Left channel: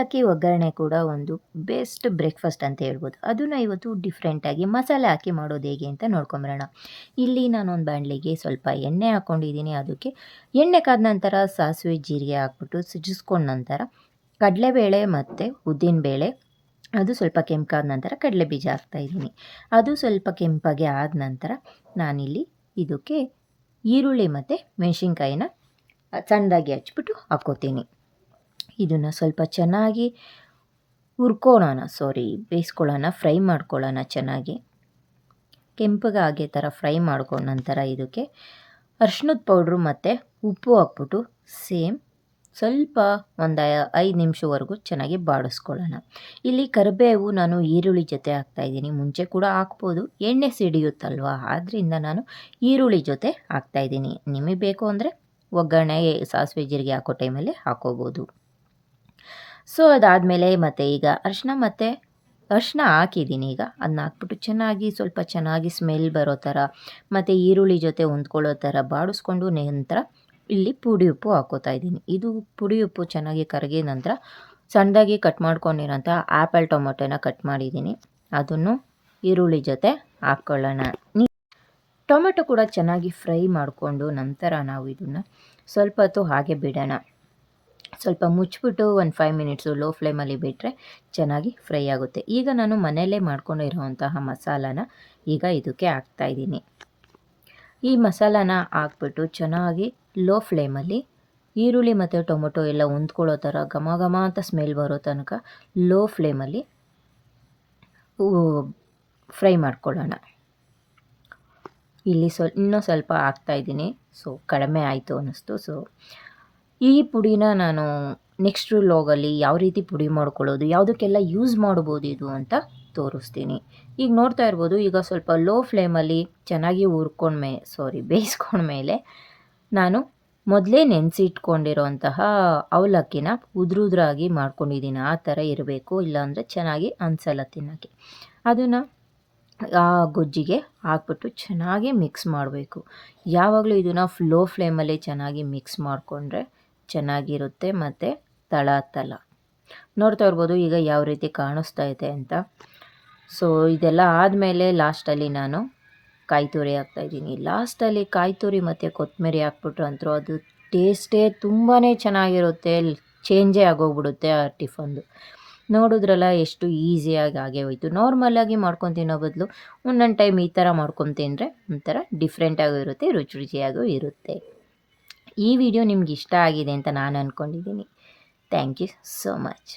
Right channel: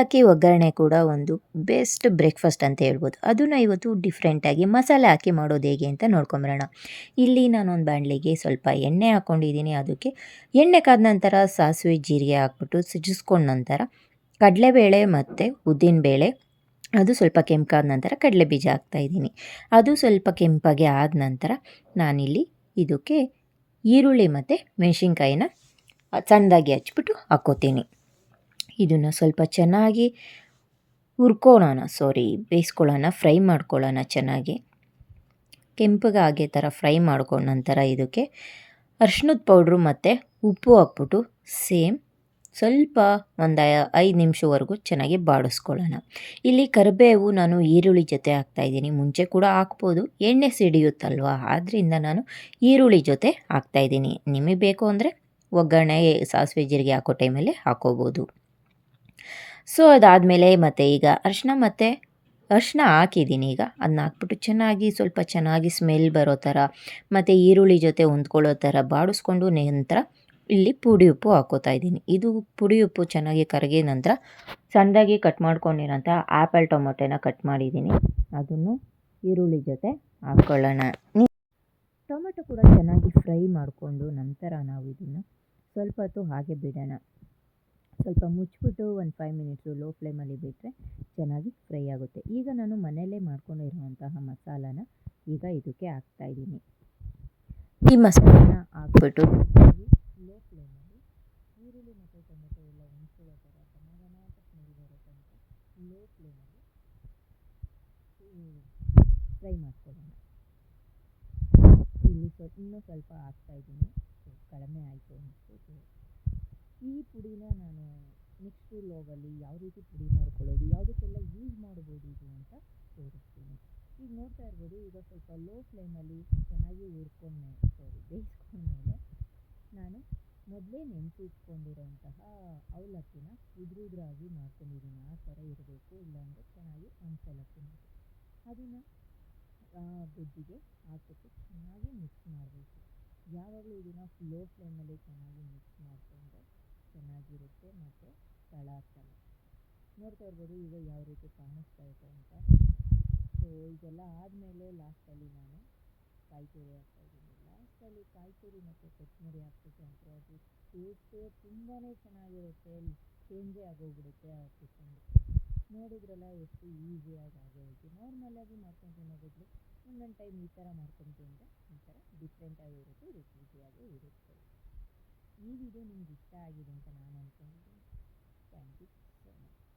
ಅವಲಕ್ಕಿ ಒಗ್ಗರಣೆ ಕೂಡ ಒಂದು ಬೆಸ್ಟ್ ಬ್ರೇಕ್ಫಾಸ್ಟ್ ಅಂತ ಹೇಳ್ಬೋದು. ಅದನ್ನು ಇವತ್ತು ಡಿಫ್ರೆಂಟಾಗಿ ಮಸಾಲೆ ಹಾಕಿ ಮಾಡೋದು ಹೇಗೆ ಅಂತ ನೋಡ್ಕೊಂಬರೋಣ. ಇಲ್ಲಿ ನಾನೊಂದು ಬಾಣಲಿಗೆ ಸ್ವಲ್ಪ ಎಣ್ಣೆ ಹಾಕ್ಕೊಂಡಿದ್ದೀನಿ ಅದಕ್ಕೆ ಎಣ್ಣೆ ಕಾದ ನಂತರ ಸಾಸಿವೆ, ಜೀರಿಗೆ ಹಾಕ್ಬಿಟ್ಟು ಸಿಜಿಸ್ಕೊಂಡ ನಂತರ ಕಡಲೆಬೇಳೆ ಮತ್ತು ಉದ್ದಿನಬೇಳೆ, ಅದು ಸ್ವಲ್ಪ ಕೆಂಪಾದ ನಂತರ ಕಡಲೆ ಬೀಜ ಹಾಕ್ತಾಯಿದ್ದೀನಿ ಅದು ಸ್ವಲ್ಪ ಕೆಂಪಾಗಿ ಆದ ನಂತರ ನಾನಿಲ್ಲಿ ಇದಕ್ಕೆ ಈರುಳ್ಳಿ ಮತ್ತು ಮೆಣಸಿನ್ಕಾಯಿನ ಸಣ್ಣದಾಗಿ ಹಚ್ಬಿಟ್ಟು ಹಾಕ್ಕೋತೀನಿ ಇದನ್ನು ಸ್ವಲ್ಪ ಚೆನ್ನಾಗಿ ಹುರ್ಕೊಳ್ಳೋಣ ಸಾರಿ ಬೇಯಿಸ್ಕೊಳ್ಳೋಣ, ಫ್ರೈ ಮಾಡ್ಕೊಳ್ಳೋಣ ಚೆನ್ನಾಗಿ. ಕೆಂಪಗಾಗೆ ಥರ ಫ್ರೈ ಮಾಡ್ಕೊಂಡ ನಂತರ ಇದಕ್ಕೆ ಅರ್ಶಿನದ ಪೌಡ್ರು ಮತ್ತು ಉಪ್ಪು ಹಾಕ್ಬಿಟ್ಟು ಸೇಮ್ ಸ್ವಲ್ಪ ಒಂದು ಐದು ನಿಮಿಷವರೆಗೂ ಚೆನ್ನಾಗಿ ಬಾಡಿಸ್ಕೊಳ್ಳೋಣ. ಇಲ್ಲಿ ಕರಿಬೇವು ನಾನು ಈರುಳ್ಳಿ ಜೊತೆ ಹಾಕ್ತಾಯಿದ್ದೀನಿ ಮುಂಚೆ ಕೂಡ ಹಾಕ್ಬೋದು. ಎಣ್ಣೆ ಸಿಡಿಯುತ್ತಲ್ವ? ಆದ್ದರಿಂದ ನಾನು ಈರುಳ್ಳಿ ಜೊತೆ ಹಾಕ್ತಾಯಿದ್ದೀನಿ ನಿಮಗೆ ಬೇಕು ಅಂದರೆ ಒಗ್ಗರಣೆ, ಸಾಸಿವೆ, ಜೀರಿಗೆ ಹಾಕೋ ಟೈಮಲ್ಲಿ ಹಾಕೋಬೋದು. ಸೊ, ಅದಾದಮೇಲೆ ಮತ್ತು ಈಗ ಅರಿಶಿನ ಮತ್ತು ಅರಿಶಿನ ಹಾಕಿದ್ದೀನಿ ಈಗ. ಅದನ್ನ ಹಾಕ್ಬಿಟ್ಟು ಚೆನ್ನಾಗಿ ಸ್ವಲ್ಪ ಚೆನ್ನಾಗಿ ಸ್ಮೆಲ್ ಬರೋ ಥರ, ಮತ್ತು ಈರುಳ್ಳಿ ಜೊತೆ ಹೊಂದ್ಕೊಳ್ಳೋ ಥರ ಬಾಡಿಸ್ಕೊಂಡು ನಂತರ ಇಲ್ಲಿ ಪುಡಿ ಉಪ್ಪು ಹಾಕೋತಾ ಇದ್ದೀನಿ. ಇದು ಪುಡಿ ಉಪ್ಪು ಚೆನ್ನಾಗಿ ಕರಗಿದ ನಂತರ ಸಣ್ಣದಾಗಿ ಕಟ್ ಮಾಡ್ಕೊಂಡಿರೋಂಥ ಆ್ಯಪಲ್ ಟೊಮೊಟೊನ ಕಟ್ ಮಾಡಿದ್ದೀನಿ. ಅದನ್ನು ಈರುಳ್ಳಿ ಜೊತೆ ಹಾಕ್ಕೊಳ್ಳೋಣ ಟೊಮೆಟೊ ಕೂಡ ಚೆನ್ನಾಗಿ ಫ್ರೈ ಮಾಡಿಕೊಂಡು ನಂತರ ನಾವು ಇದನ್ನು ಸ್ವಲ್ಪ ಹೊತ್ತು ಹಾಗೆ ಬಿಡೋಣ. ಸ್ವಲ್ಪ ಮುಚ್ಚಿಬಿಟ್ಟು ಒಂದು ಫೈವ್ ಮಿನಿಟ್ಸು ಲೋ ಫ್ಲೇಮಲ್ಲಿ ಬಿಟ್ಟರೆ ಚೆನ್ನಾಗಿ ಫ್ರೈ ಆಗುತ್ತೆ. ಈಗ ನಾನು ಮನೆಯಲ್ಲೇ ಮಾಡ್ಕೊಂಡಿರೋವಂತಹ ಮಸಾಲಾನ ಈಗ ಇದಕ್ಕೆ ಹಾಕ್ತಾಯಿದ್ದೀನಿ ಈ ಮಸಾಲಾನ ಹಾಕ್ಬಿಟ್ಟು ಚೆನ್ನಾಗಿ ಲೋ ಫ್ಲೇಮಲ್ಲಿ ಈರುಳ್ಳಿ ಮತ್ತು ಟೊಮೊಟೊ ಎಲ್ಲ ಹೊಂದ್ಕೊಳ್ಳೋ ಥರ ಘಮ ಘಮ ಅಂತ ಸ್ಮೆಲ್ ಬರೋ ತನಕ ಲೋ ಫ್ಲೇಮಲ್ಲಿ ಫ್ರೈ ಮಾಡ್ಕೊಳ್ಳೋಣ. ಇಲ್ಲಿ ಸ್ವಲ್ಪ, ಇನ್ನೂ ಸ್ವಲ್ಪ ಹಾಕ್ತಾಯಿದ್ದೀನಿ ಸೊ ಕಡಿಮೆ ಆಯಿತು ಅನ್ನಿಸ್ತು. ಸೊ ಈ ಪುಡಿನ ನಾನು ನೆಕ್ಸ್ಟ್ ಲೋಗಲ್ಲಿ ಯಾವ ರೀತಿ ಪುಡಿ ಮಾಡ್ಕೊಳ್ಳೋದು, ಯಾವುದಕ್ಕೆಲ್ಲ ಯೂಸ್ ಮಾಡ್ಬೋದು ಇದು ಅಂತ ತೋರಿಸ್ತೀನಿ. ಈಗ ನೋಡ್ತಾ ಇರ್ಬೋದು, ಈಗ ಸ್ವಲ್ಪ ಲೋ ಫ್ಲೇಮಲ್ಲಿ ಚೆನ್ನಾಗಿ ಹುರ್ಕೊಂಡ್ಮೇ ಸಾರಿ ಬೇಯಿಸ್ಕೊಂಡ್ಮೇಲೆ ನಾನು ಮೊದಲೇ ನೆನೆಸಿಟ್ಕೊಂಡಿರೋಂತಹ ಅವಲಕ್ಕಿನ ಉದ್ರುದ್ರಾಗಿ ಮಾಡ್ಕೊಂಡಿದ್ದೀನಿ ಆ ಥರ ಇರಬೇಕು, ಇಲ್ಲಾಂದರೆ ಚೆನ್ನಾಗಿ ಅನ್ಸಲ್ಲ ತಿನ್ನೋಕ್ಕೆ. ಅದನ್ನು ಆ ಗೊಜ್ಜಿಗೆ ಹಾಕ್ಬಿಟ್ಟು ಚೆನ್ನಾಗಿ ಮಿಕ್ಸ್ ಮಾಡಬೇಕು. ಯಾವಾಗಲೂ ಇದನ್ನು ಲೋ ಫ್ಲೇಮಲ್ಲಿ ಚೆನ್ನಾಗಿ ಮಿಕ್ಸ್ ಮಾಡಿಕೊಂಡ್ರೆ ಚೆನ್ನಾಗಿರುತ್ತೆ ಮತ್ತು ತಳ ನೋಡ್ತಾ ಇರ್ಬೋದು ಈಗ ಯಾವ ರೀತಿ ಕಾಣಿಸ್ತಾ ಇದೆ ಅಂತ. ಸೊ ಇದೆಲ್ಲ ಆದಮೇಲೆ ಲಾಸ್ಟಲ್ಲಿ ನಾನು ಕಾಯಿ ತುರಿ ಹಾಕ್ತಾಯಿದ್ದೀನಿ ಲಾಸ್ಟಲ್ಲಿ ಕಾಯಿ ತುರಿ ಮತ್ತು ಕೊತ್ತಂಬರಿ ಹಾಕ್ಬಿಟ್ರು ಅದು ಟೇಸ್ಟೇ ತುಂಬಾ ಚೆನ್ನಾಗಿರುತ್ತೆ. ಚೇಂಜೇ ಆಗೋಗ್ಬಿಡುತ್ತೆ ಆ ಟಿಫನ್ದು ನೋಡಿದ್ರಲ್ಲ ಎಷ್ಟು ಈಸಿಯಾಗಿ ಆಗೇ ಹೋಯಿತು. ನಾರ್ಮಲಾಗಿ ಮಾಡ್ಕೊಂಡು ತಿನ್ನೋ ಬದಲು ಒಂದೊಂದು ಟೈಮ್ ಈ ಥರ ಮಾಡ್ಕೊಂಡು ತಿಂದರೆ ಒಂಥರ ಡಿಫ್ರೆಂಟಾಗೂ ಇರುತ್ತೆ, ರುಚಿ ರುಚಿಯಾಗೂ ಇರುತ್ತೆ. ಈ ವಿಡಿಯೋ ನಿಮ್ಗೆ ಇಷ್ಟ ಆಗಿದೆ ಅಂತ ನಾನು ಅಂದ್ಕೊಂಡಿದ್ದೀನಿ ಥ್ಯಾಂಕ್ ಯು ಸೋ ಮಚ್